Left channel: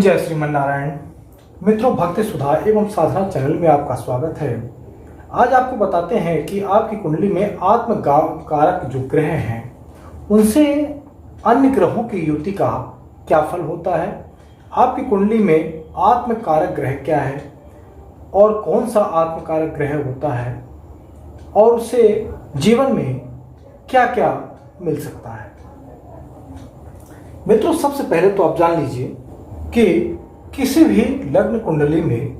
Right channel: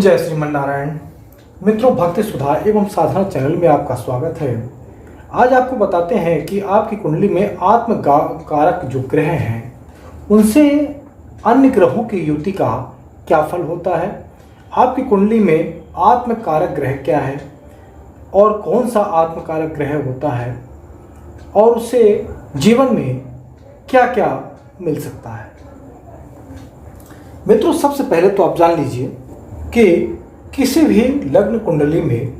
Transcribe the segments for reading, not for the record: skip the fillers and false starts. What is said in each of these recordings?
जय श्रीमन नारायण। मित्रों, भक्ति सुधा एवं साधना चैनल में आपका स्वागत है। आज आपको बताते हैं कि आपकी कुंडली में आत्म कारक जो ग्रह हैं उनसे अन्य ग्रहों की युति का क्या फल होता है, आपकी कुंडली में आत्म कारक ग्रह क्या है और कौन सा आत्म कारक ग्रह होता है और उससे जीवन में क्या क्या मिल सकता है। मित्रों, सबसे पहले तो आप जान लीजिए कि किसी भी लग्न कुंडली में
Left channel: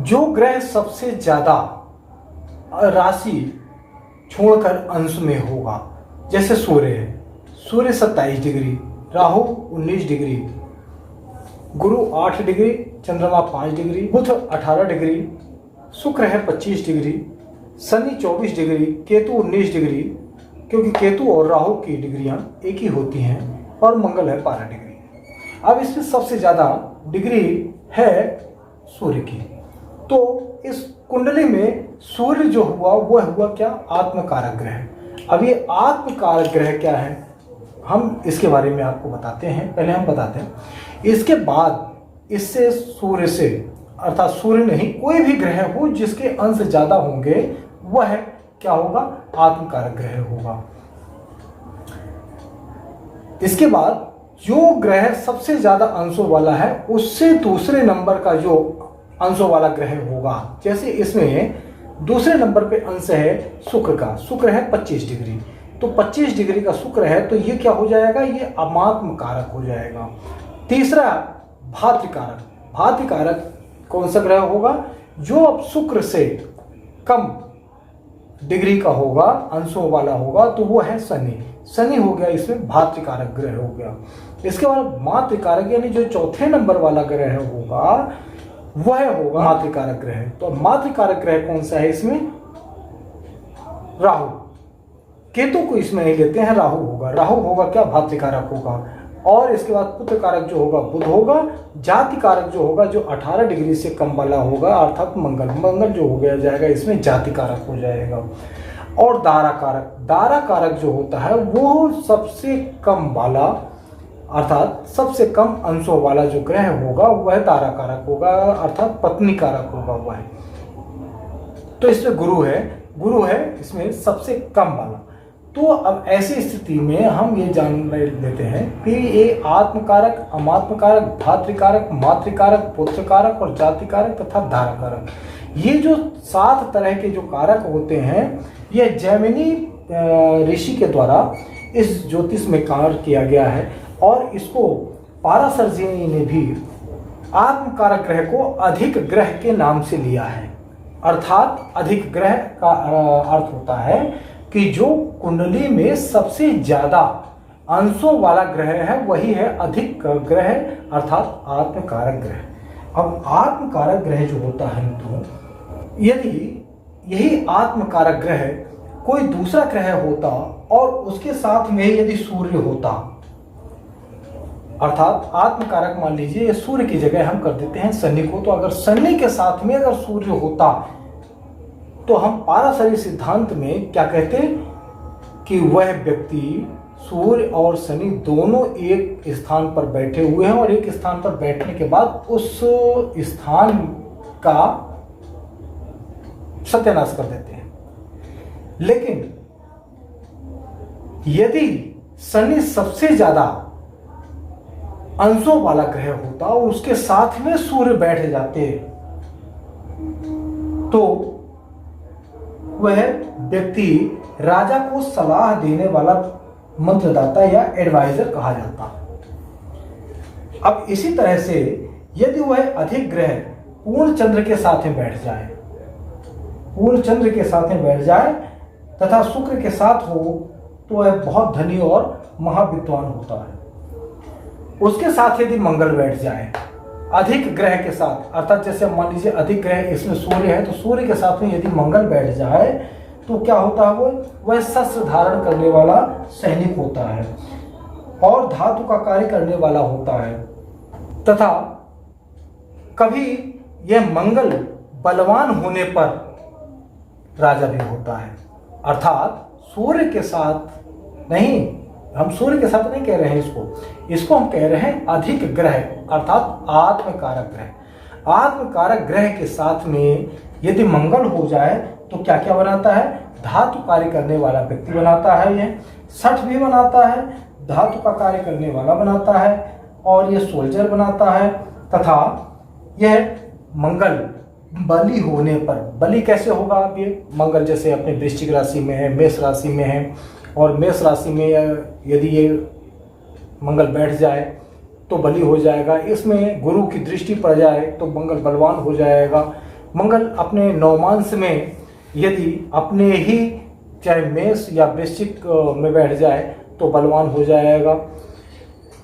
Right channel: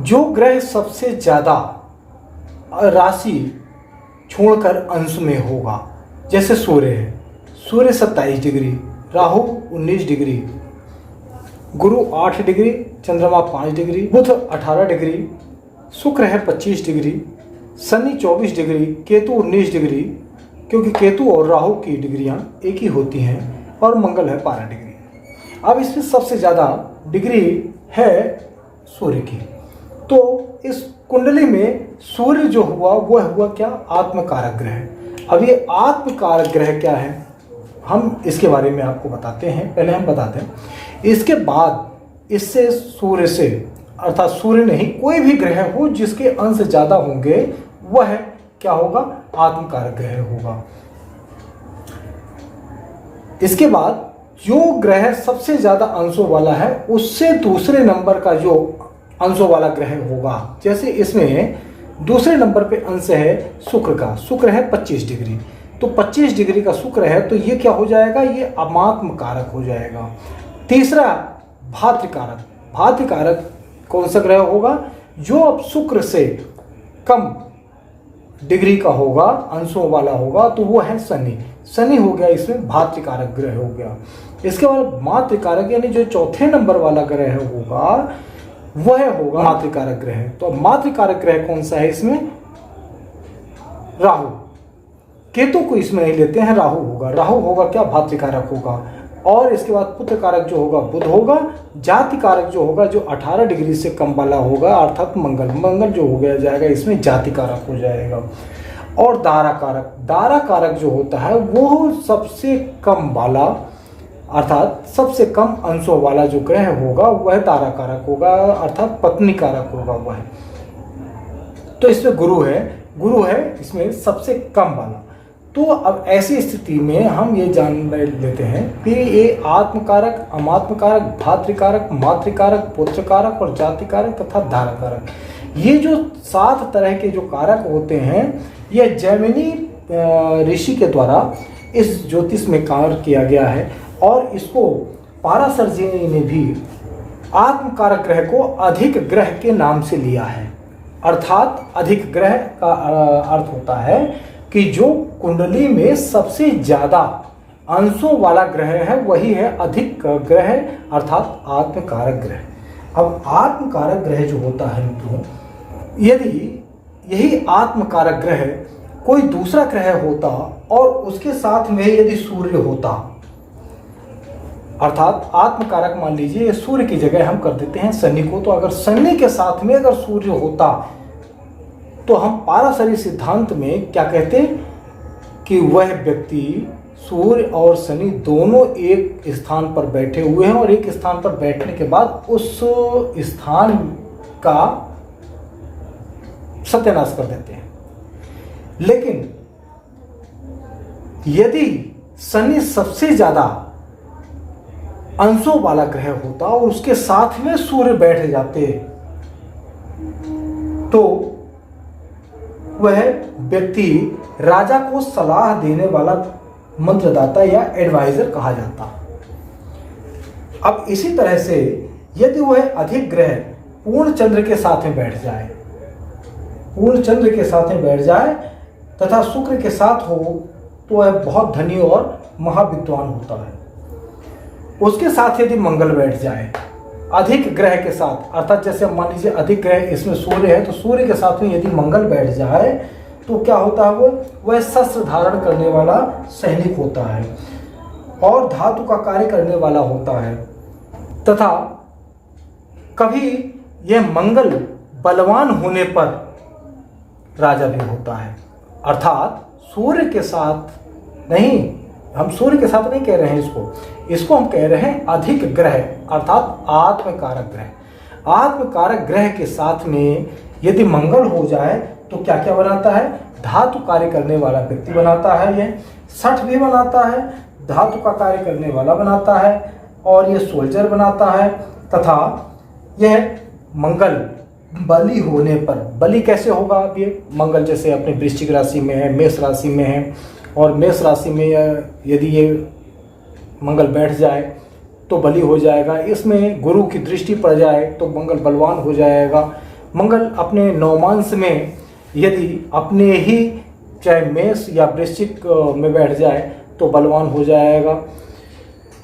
जो ग्रह सबसे ज्यादा राशि छोड़कर अंश में होगा, जैसे सूर्य है, सूर्य 27 डिग्री, राहु 19 डिग्री, गुरु 8 डिग्री, चंद्रमा 5 डिग्री, बुध 18 डिग्री, शुक्र है 25 degree, Shani 24 degree, Ketu 19 degree, क्योंकि केतु और राहु की डिग्रियां एक ही होती हैं, और मंगल है 12 डिग्री। अब इसमें सबसे ज्यादा डिग्री है सूर्य की। तो इस कुंडली में सूर्य जो हुआ वह हुआ क्या? आत्मकारक ग्रह। अब ये आत्मकारक ग्रह क्या है, हम इसके बारे में आपको बताते हैं। पहले हम बताते हैं, इसके बाद इससे सूर्य से, अर्थात सूर्य नहीं, कोई भी ग्रह हो जिसके अंश ज्यादा होंगे वह क्या होगा? आत्मकारक ग्रह होगा। इसके बाद जो ग्रह सबसे ज्यादा अंशों वाला है उससे दूसरे नंबर का जो अंशों वाला ग्रह होगा, जैसे इसमें दूसरे नंबर पे अंश है शुक्र का। शुक्र है 25 डिग्री, तो 25 डिग्री का शुक्र है, तो ये क्या हो जाएगा? ये अमात्म कारक हो जाएगा। तीसरा भातृकारक। भातृकारक कौन सा ग्रह होगा? जो अब शुक्र से कम डिग्री का होगा, अंशों वाला होगा, तो वो है शनि। शनि हो गया, इसमें भातृकारक ग्रह हो गया। इसके बाद मातृकारक यानी जो चौथे नंबर वाला ग्रह होगा वह होगा मातृकारक ग्रह। तो मातृकारक ग्रह कौन सा है इसमें? राहु। केतु को इसमें नहीं लेते हैं, राहु होगा। राहु होगा क्या? भातृकारक होगा। और इसके बाद पुत्र कारक जो होगा बुध होगा। जाति कारक जो होगा, जो 18 डिग्री से कम वाला होगा, अर्थात मंगल। मंगल जो हो गया जाएगा इसमें जाति कारक हो जाएगा। और दारा कारक। दारा कारक जो होता है वो सबसे कम वाला, अर्थात सबसे कम अंशों वाला जो ग्रह होगा वह दारा कारक होगा, अर्थात पत्नी कारक होगा वह। तो इसमें गुरु है, गुरु है इसमें सबसे कम वाला। तो अब ऐसी स्थिति में हम ये जान लेते हैं कि ये आत्मकारक, अमात्मकारक, भातृकारक, मातृकारक, पुत्रकारक और जातिकारक तथा धाराकारक, ये जो 7 तरह के जो कारक होते हैं, ये जैमिनी ऋषि के द्वारा इस ज्योतिष में कार्य किया गया है। और इसको पाराशर ने भी आत्मकारक ग्रह को अधिक ग्रह के नाम से लिया है। अर्थात अधिक ग्रह का अर्थ होता है कि जो कुंडली में सबसे ज्यादा अंशों वाला ग्रह है वही है अधिक ग्रह, अर्थात आत्मकारक ग्रह। अब आत्मकारक ग्रह जो होता है मित्रों, यदि यही आत्मकारक ग्रह कोई दूसरा ग्रह होता और उसके साथ में यदि सूर्य होता, अर्थात आत्मकारक मान लीजिए सूर्य की जगह हम कर देते हैं शनि को, तो अगर शनि के साथ में अगर सूर्य होता तो हम पाराशरी सिद्धांत में क्या कहते कि वह व्यक्ति, सूर्य और शनि दोनों एक स्थान पर बैठे हुए हैं और एक स्थान पर बैठने के बाद उस स्थान का सत्यानाश कर देते हैं। लेकिन यदि शनि सबसे ज्यादा अंशों वाला ग्रह होता और उसके साथ में सूर्य बैठ जाते तो वह व्यक्ति राजा को सलाह देने वाला मंत्रदाता या एडवाइजर कहा जाता। अब इसी तरह से यदि वह अधिक ग्रह पूर्ण चंद्र के साथ में बैठ जाए, पूर्ण चंद्र के साथ में बैठ जाए तथा शुक्र के साथ हो, तो वह बहुत धनी और महाविद्वान होता है। उसके साथ यदि मंगल बैठ जाए अधिक ग्रह के साथ, अर्थात जैसे मान लीजिए अधिक ग्रह इसमें सूर्य है, तो सूर्य के साथ में यदि मंगल बैठ जाए तो क्या होता है? वह शस्त्र धारण करने वाला सैनिक होता है और धातु का कार्य करने वाला होता है। तथा कभी यह मंगल बलवान होने पर राजा भी होता है, अर्थात सूर्य के साथ नहीं हम सूर्य के साथ नहीं कह रहे हैं इसको हम कह रहे हैं अधिक ग्रह अर्थात आत्मकारक ग्रह। आत्मकारक ग्रह के साथ में यदि मंगल हो जाए तो क्या क्या बनाता है? धातु कार्य करने वाला व्यक्ति बनाता है, यह सठ भी बनाता है, धातु का कार्य करने वाला बनाता है, और यह सोल्जर बनाता है। तथा यह मंगल बली होने पर, बली कैसे होगा? अब ये मंगल जैसे अपने वृश्चिक राशि में है, मेष राशि में है, और मेष राशि में यदि ये मंगल बैठ जाए तो बली हो जाएगा। इसमें गुरु की दृष्टि पड़ जाए तो मंगल बलवान हो जाएगा। मंगल अपने नवमांश में यदि अपने ही चाहे मेष या वृश्चिक में बैठ जाए तो बलवान हो जाएगा।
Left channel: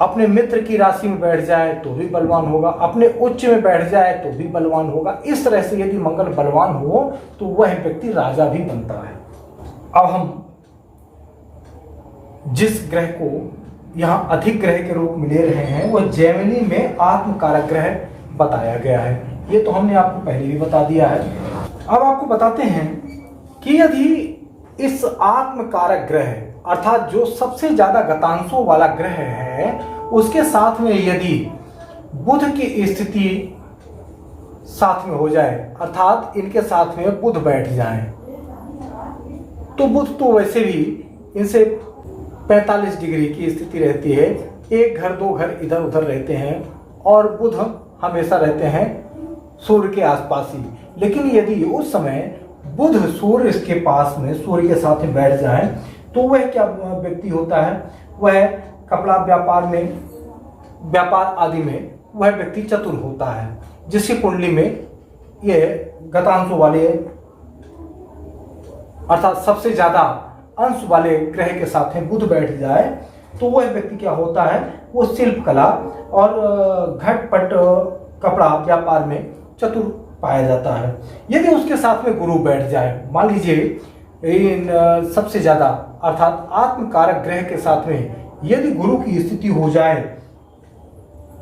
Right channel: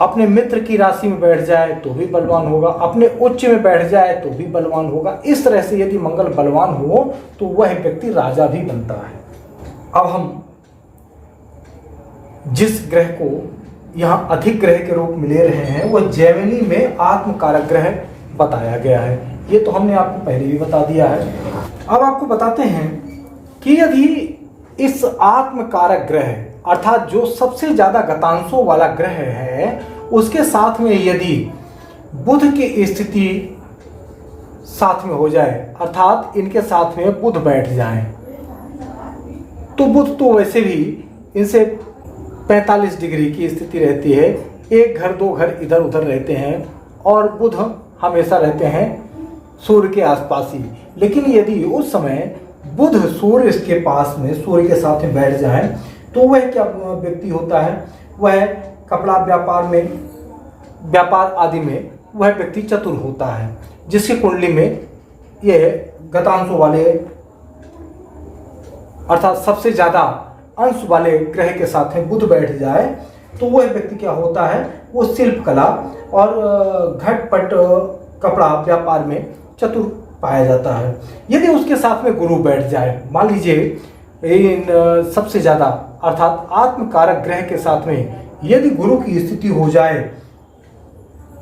अपने मित्र की राशि में बैठ जाए तो भी बलवान होगा, अपने उच्च में बैठ जाए तो भी बलवान होगा। इस तरह से यदि मंगल बलवान हो तो वह व्यक्ति राजा भी बनता है। अब हम जिस ग्रह को यहाँ अधिक ग्रह के रूप में ले रहे हैं वह जैमिनी में आत्मकारक ग्रह बताया गया है। ये तो हमने आपको पहले भी बता दिया है। अब आपको बताते हैं कि यदि इस आत्मकारक ग्रह अर्थात जो सबसे ज्यादा गतांशों वाला ग्रह है उसके साथ में यदि बुध की स्थिति साथ में हो जाए अर्थात इनके साथ में बुध बैठ जाए तो बुध तो वैसे भी इनसे 45 डिग्री की स्थिति रहती है, एक घर दो घर इधर उधर रहते हैं, और बुध हमेशा रहते हैं सूर्य के आसपास ही। लेकिन यदि उस समय बुध सूर्य के पास में सूर्य के साथ में बैठ जाए तो वह क्या व्यक्ति होता है? वह कपड़ा व्यापार में, व्यापार आदि में वह व्यक्ति चतुर होता है, जिसकी कुंडली में यह गतांशों वाले अर्थात सबसे ज्यादा अंश वाले ग्रह के साथ में बुध बैठ जाए तो वह व्यक्ति क्या होता है? वो शिल्प कला और घटपट कपड़ा व्यापार में चतुर पाया जाता है। यदि उसके साथ में गुरु बैठ जाए, मान लीजिए इन सबसे ज्यादा अर्थात आत्मकारक ग्रह के साथ में यदि गुरु की स्थिति हो जाए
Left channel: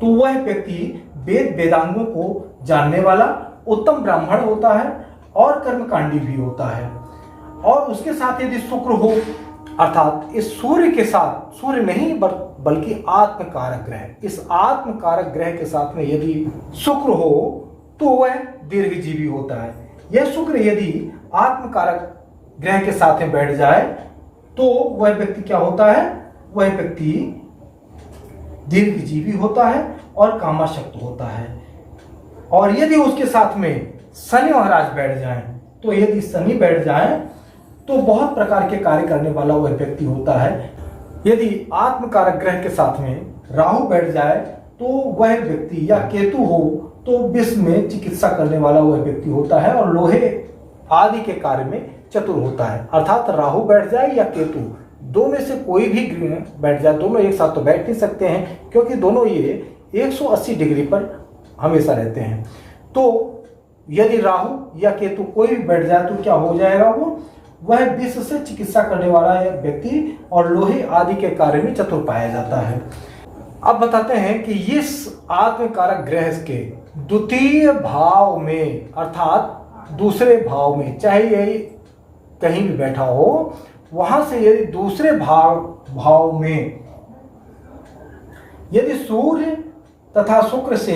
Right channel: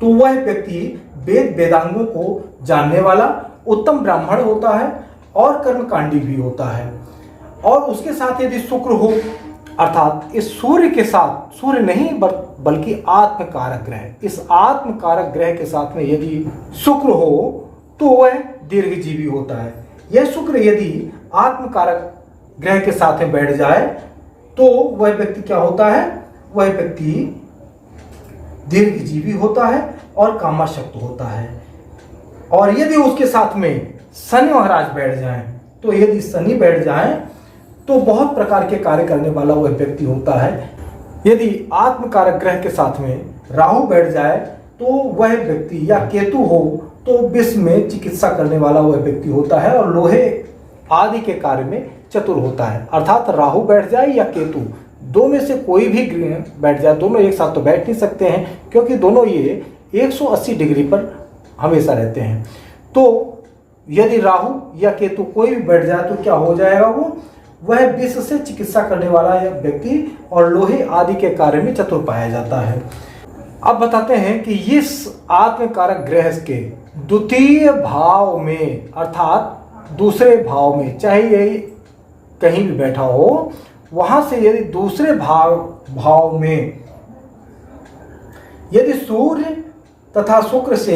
तो वह व्यक्ति वेद वेदांगों को जानने वाला उत्तम ब्राह्मण होता है और कर्मकांडी भी होता है। और उसके साथ यदि शुक्र हो अर्थात इस सूर्य के साथ, सूर्य नहीं बल्कि आत्मकारक ग्रह, इस आत्मकारक ग्रह के साथ में यदि शुक्र हो तो वह दीर्घजीवी होता है। यह शुक्र यदि आत्मकारक ग्रह के साथ में बैठ जाए तो वह व्यक्ति क्या होता है? वह व्यक्ति दीर्घजीवी होता है और कामाशक्त होता है। और यदि उसके साथ में शनि महाराज बैठ जाएं, तो यदि शनि बैठ जाएं तो बहुत प्रकार के कार्य करने वाला वह व्यक्ति होता है। यदि आत्मकारक ग्रह के साथ में राहु बैठ जाए तो वह व्यक्ति, या केतु हो तो विश्व में चिकित्सा करने वाला वह व्यक्ति होता है और लोहे आदि के कार्य में चतुर होता है। अर्थात राहु बैठ जाए या केतु, दो में से कोई भी बैठ जाए, दोनों एक साथ तो बैठ नहीं सकते हैं क्योंकि दोनों ये 180 डिग्री पर हमेशा रहते हैं। तो यदि राहु या केतु कोई भी बैठ जाए तो क्या हो जाएगा? वह विश्व से चिकित्सा करने वाला व्यक्ति और लोहे आदि के कार्य में चतुर पाया जाता है। अब बताते हैं कि इस आत्मकारक ग्रह के द्वितीय भाव में अर्थात दूसरे भाव में, चाहे यही कहीं भी बैठा हो, वहां से यदि दूसरे भाव में यदि सूर्य तथा शुक्र से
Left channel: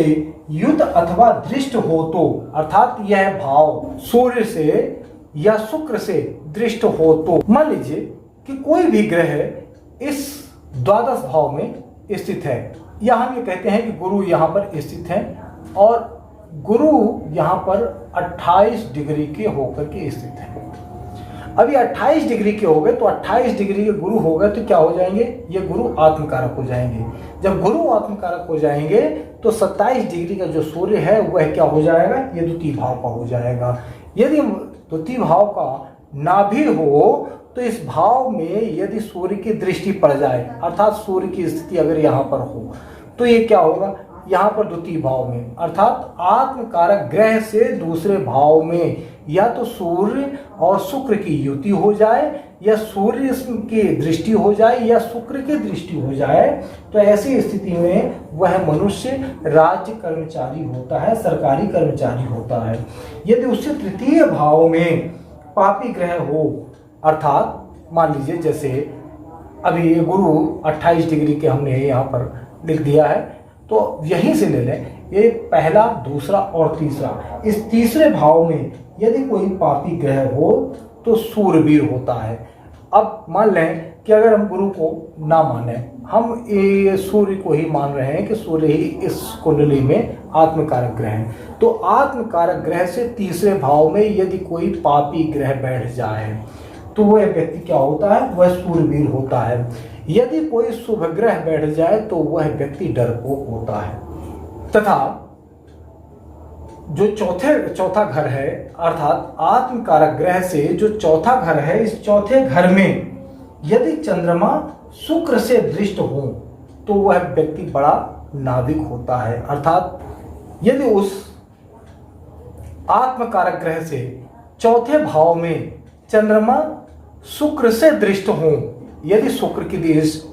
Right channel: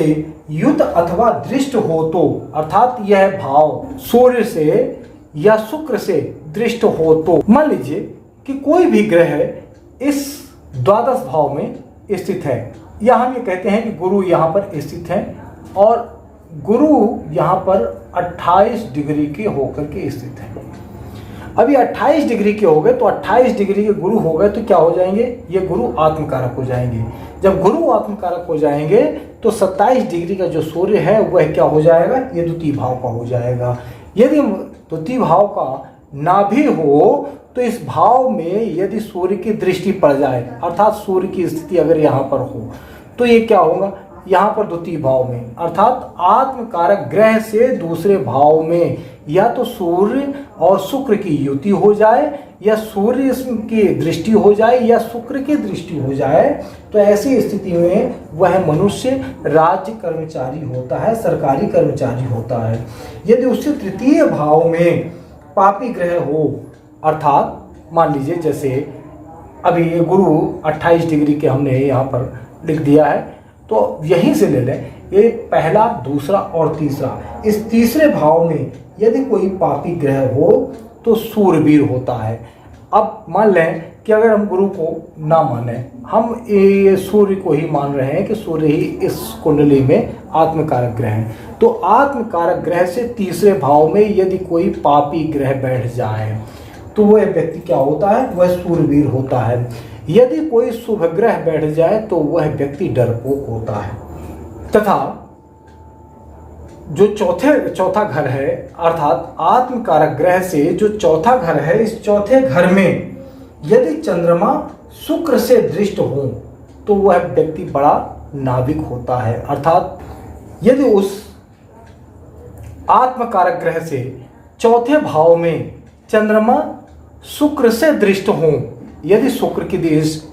युद्ध अथवा दृष्ट हो तो अर्थात यह भाव सूर्य से या शुक्र से दृष्ट हो तो, मान लीजिए कि कोई भी ग्रह इस द्वादश भाव में स्थित है, या हम ये कहते हैं कि गुरु यहाँ पर स्थित है और गुरु यहाँ पर 28 डिग्री के होकर के स्थित है। अभी 28 डिग्री के हो गए तो 28 डिग्री के गुरु हो गए तो क्या हो जाएंगे? ये गुरु आत्मकारक हो जाएंगे। जब गुरु आत्मकारक हो जाएंगे तो 27 डिग्री का जो सूर्य है वह क्या हो जाएगा? ये द्वितीय भाव का हो जाएगा। यदि द्वितीय भाव का ना भी हो तो इस भाव में यदि सूर्य की दृष्टि पड़ जाए अर्थात सूर्य की स्थिति अगर यहाँ पर हो तो ये क्या होगा? यहाँ पर द्वितीय भाव में अर्थात आत्मकारक ग्रह से दूसरे भाव में या तो सूर्य और शुक्र की युति हो जाए, या सूर्य की दृष्टि हो जाए, या शुक्र की दृष्टि हो जाए, तो ऐसी स्थिति में वह मनुष्य राज्य कर्मचारी होता है, सरकारी कर्मचारी होता है। यदि उससे तृतीय भाव में पापी ग्रह हो अर्थात मान लीजिए जैसे अभी ये गुरु 28 डिग्री के हमने यहाँ पर लिख दिया है, तो यहीं से ले लें। ये पहला, दूसरा और तीसरा, इस तीसरे भाव में यदि कोई पापी ग्रह हो तो सूरवीर होता है। अब मान लें कि अगर हम गुरु को ना माने, हम ये सूर्य को ही मान रहे हैं कि सूर्य ही इस कुंडली में आत्मकारक ग्रह है, तो आत्मकारक ग्रह से तीसरे भाव में यदि कोई पापी ग्रह बैठ जाए तो वह व्यक्ति क्या होता है? वह सूरवीर होता है। यदि कोई शुभ ग्रह बैठ जाए तो वह व्यक्ति डरपोक होता है। तथा जो चौथा घर है, अर्थात आत्मकारक ग्रह से जो चौथा घर है, इस चौथे घर में यदि चंद्रमा शुक्र से दृष्ट हो तो वह व्यक्ति बड़ा नाविक होता है। अर्थात यदि उस आत्मकारक ग्रह से चौथे भाव में चंद्रमा शुक्र से दृष्ट हो, यदि शुक्र की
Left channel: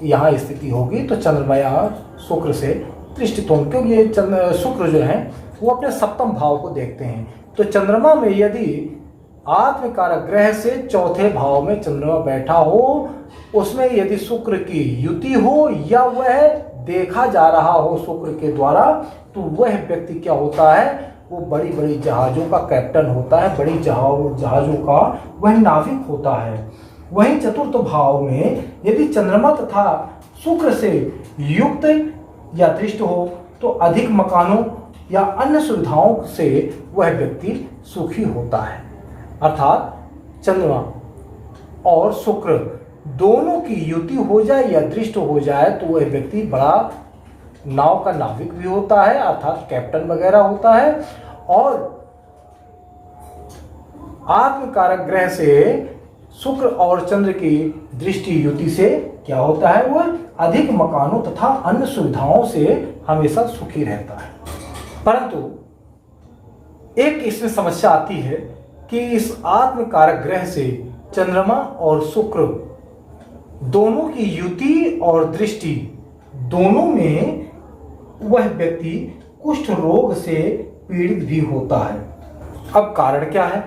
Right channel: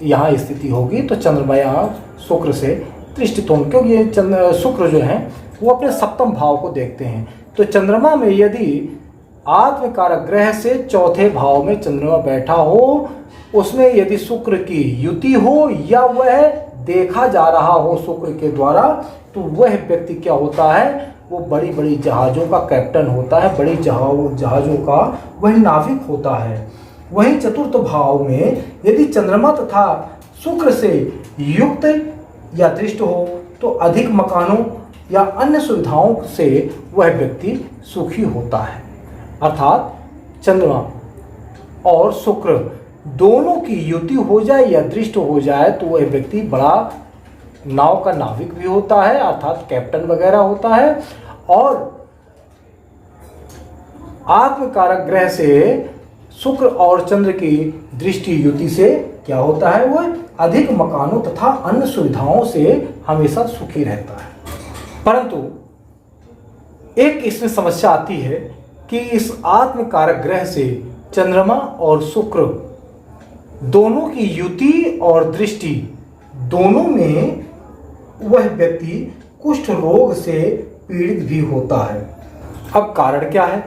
यहाँ स्थिति होगी तो चंद्रमा यहाँ शुक्र से दृष्टित होंगे, क्योंकि ये शुक्र जो है वो अपने सप्तम भाव को देखते हैं। तो चंद्रमा में यदि आत्मकारक ग्रह से चौथे भाव में चंद्रमा बैठा हो, उसमें यदि शुक्र की युति हो या वह देखा जा रहा हो शुक्र के द्वारा, तो वह व्यक्ति क्या होता है? वो बड़ी बड़ी जहाज़ों का कैप्टन होता है, बड़ी जहाज़ों का वह नाविक होता है। वहीं चतुर्थ भाव में यदि चंद्रमा तथा शुक्र से युक्त या दृष्ट हो तो अधिक मकानों या अन्य सुविधाओं से वह व्यक्ति सुखी होता है। अर्थात चंद्रमा और शुक्र दोनों की युति हो जाए या दृष्ट हो जाए तो वह व्यक्ति बड़ा नाव का नाविक भी होता है, अर्थात कैप्टन वगैरह होता है। और आत्मकारक ग्रह से शुक्र और चंद्र की दृष्टि युति से क्या होता है? वह अधिक मकानों तथा अन्य सुविधाओं से हमेशा सुखी रहता है। परंतु एक इसमें समस्या आती है कि इस आत्मकारक ग्रह से चंद्रमा और शुक्र दोनों की युति और दृष्टि दोनों में वह व्यक्ति कुष्ठ रोग से पीड़ित भी होता है। अब कारण क्या है?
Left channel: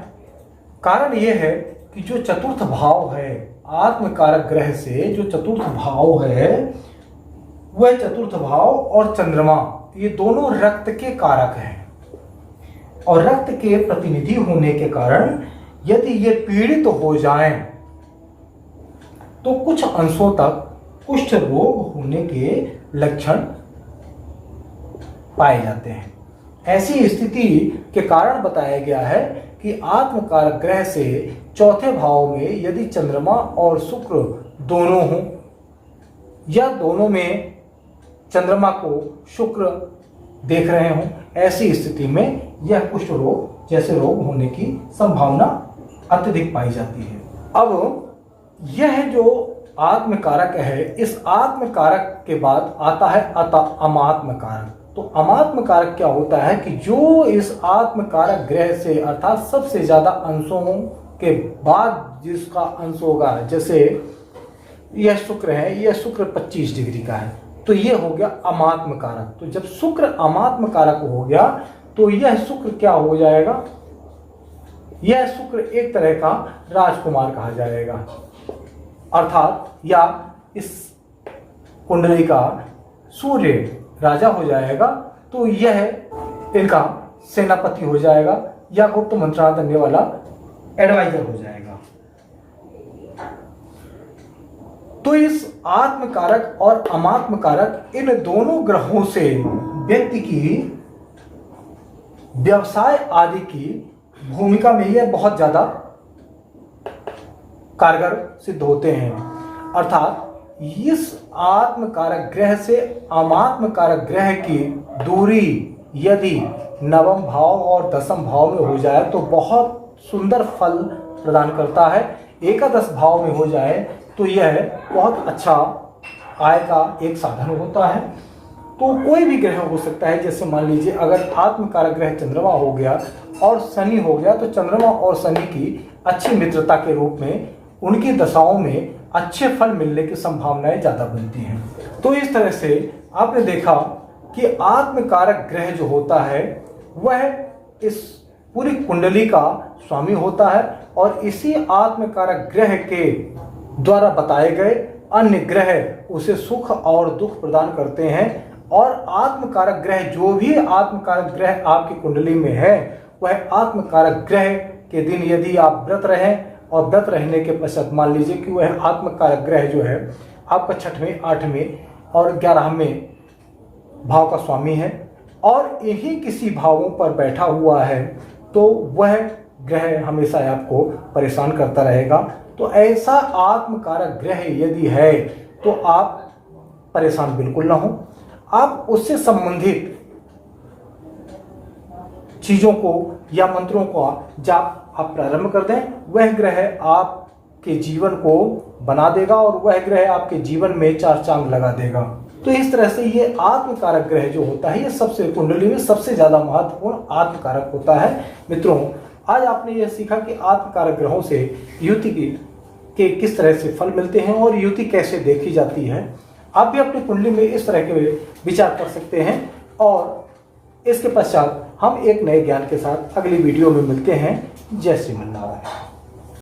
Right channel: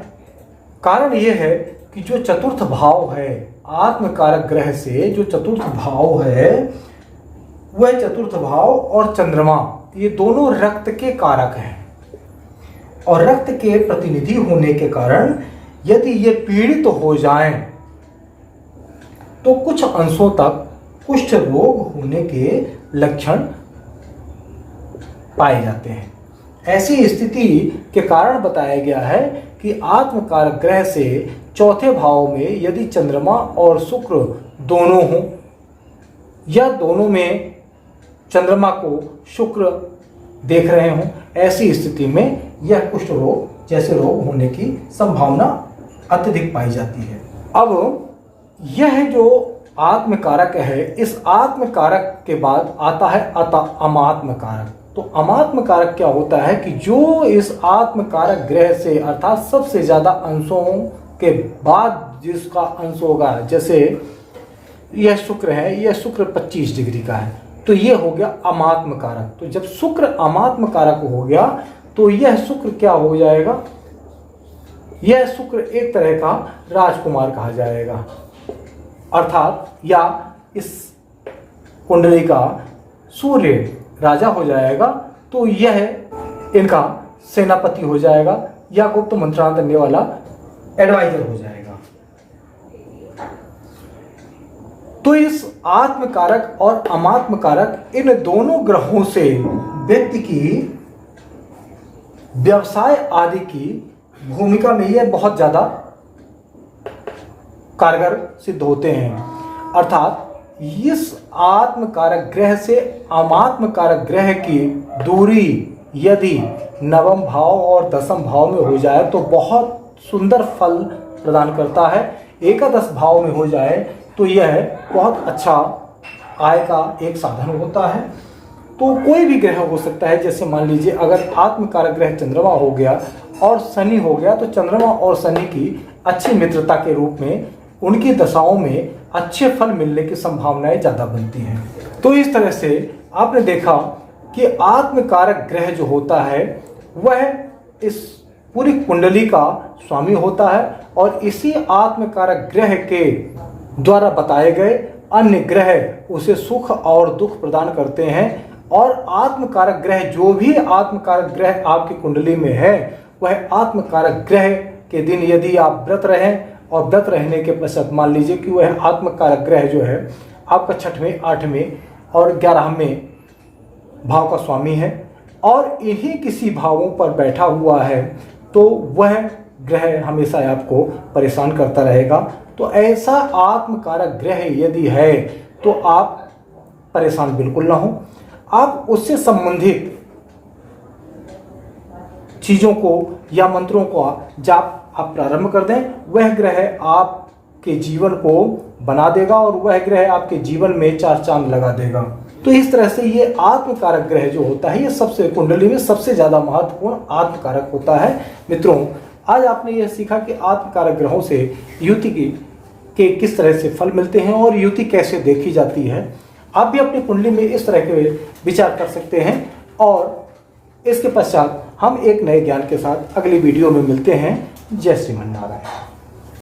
कारण यह है कि जो चतुर्थ भाव है, आत्मकारक ग्रह से जो चतुर्थ भाव है, वह चतुर्थ भाव और चंद्रमा ये दोनों रक्त के कारक हैं, और रक्त के प्रतिनिधि होने के कारण यदि ये पीड़ित हो जाएं तो कुछ अंशों तक कुष्ठ रोग होने के लक्षण पाए जाते हैं। ऐसी स्थिति के कारण बताया गया है कि आत्मकारक ग्रह से चौथे भाव में यदि चंद्रमा और शुक्र दोनों हों या दोनों में चंद्रमा को शुक्र देख रहे हों, ऐसी स्थिति में यह कुष्ठ रोग जैसे रोग होने की संभावना अत्यधिक पाई जाती है। अब यह जो आत्मकारक है, इस आत्मकारक के बाद आता है अमात्मकारक। तो अमात्मकारक क्या होता है कि जो इस आत्मकारक ग्रह से अर्थात सबसे ज्यादा अंशों के बाद जिसका अंश होगा, जैसे यह शुक्र है, यह शुक्र 25 डिग्री का है, तो यह हो गया अमात्मकारक। तो जब शुक्र अमात्मकारक हो गया तो यह शुक्र क्या हो जाएगा? यह शुक्र एक तरह का राजकुमार कहा जाएगा, अर्थात या इस कुंडली का सूर्य राजा हो जाएगा, तो यह इनका सेनापति हो जाएगा या गुप्त मंत्रांत देने वाला एडवाइजर हो जाएगा। तो इस आत्मकारक और अमात्मकारक इन दोनों ग्रहों से व्यक्ति की व्यवसाय आदि की भूमिका में यह बहुत ज्यादा कारगर सिद्ध होते हैं। अर्थात इस आत्मकारक ग्रह से अमात्मकारक ग्रह की दूरी यदि नवम भाव और दसम भाव में हो जाए तो बहुत सुंदर फल प्रदान करता है। एकादश भाव में हो जाए तो यह बहुत अच्छा आय का एक साधन होता है। तो कोई भी ग्रह हो सकता है, जैसे मान लीजिए अगर आत्मकारक ग्रह चंद्रमा हो गया और शनि हो गया, तो चंद्रमा और शनि की अच्छी मित्रता के रूप में उनकी दशाओं में अच्छे फल मिलने की संभावनाएं ज़्यादा बनती हैं। तो इस तरह से आपने देखा कि आत्मकारक ग्रह जो होता है वह इस पूरी कुंडली का स्वामी होता है, और इसी आत्मकारक ग्रह के द्वारा बताए गए अन्य ग्रह उसे सुख और दुख प्रदान करते हैं। और आत्मकारक ग्रह, जो भी आत्मकारक ग्रह आपकी कुंडली में है, वह आत्मकारक ग्रह के दिन यदि आप व्रत रहें और व्रत रहने के पश्चात मान लीजिए कि वह आत्मकारक ग्रह जो है आपका 6वें, 8वें और 11वें भाव का स्वामी है और यही किसी भावों पर बैठा हुआ है, तो वह ग्रह हमेशा आपको परेशान करता रहेगा। तो ऐसा आत्मकारक ग्रह यदि है तो आप परेशान बिल्कुल ना हो। आप उससे संबंधित चीजों को या मंत्रों को जाप आप प्रारंभ कर दें, वह ग्रह आपके जीवन को बना देगा और वह ग्रह आपके जीवन में 4 चांद लगा देगा। तो इस तरह से ये आत्मकारक ग्रह जो होता है, ये सबसे कुंडली में सबसे ज्यादा महत्वपूर्ण आत्मकारक होता है। मित्रों, आज आपने यह सीखा कि आत्मकारक ग्रहों से युति के किस तरह से फल मिलते हैं और युति कैसे देखी जाती है। आप भी अपनी कुंडली में इस तरह के विचार कर सकते हैं। और इसके पश्चात हम एक नए ज्ञान के साथ अगली वीडियो में मिलते हैं। जय श्रीमन नारायण।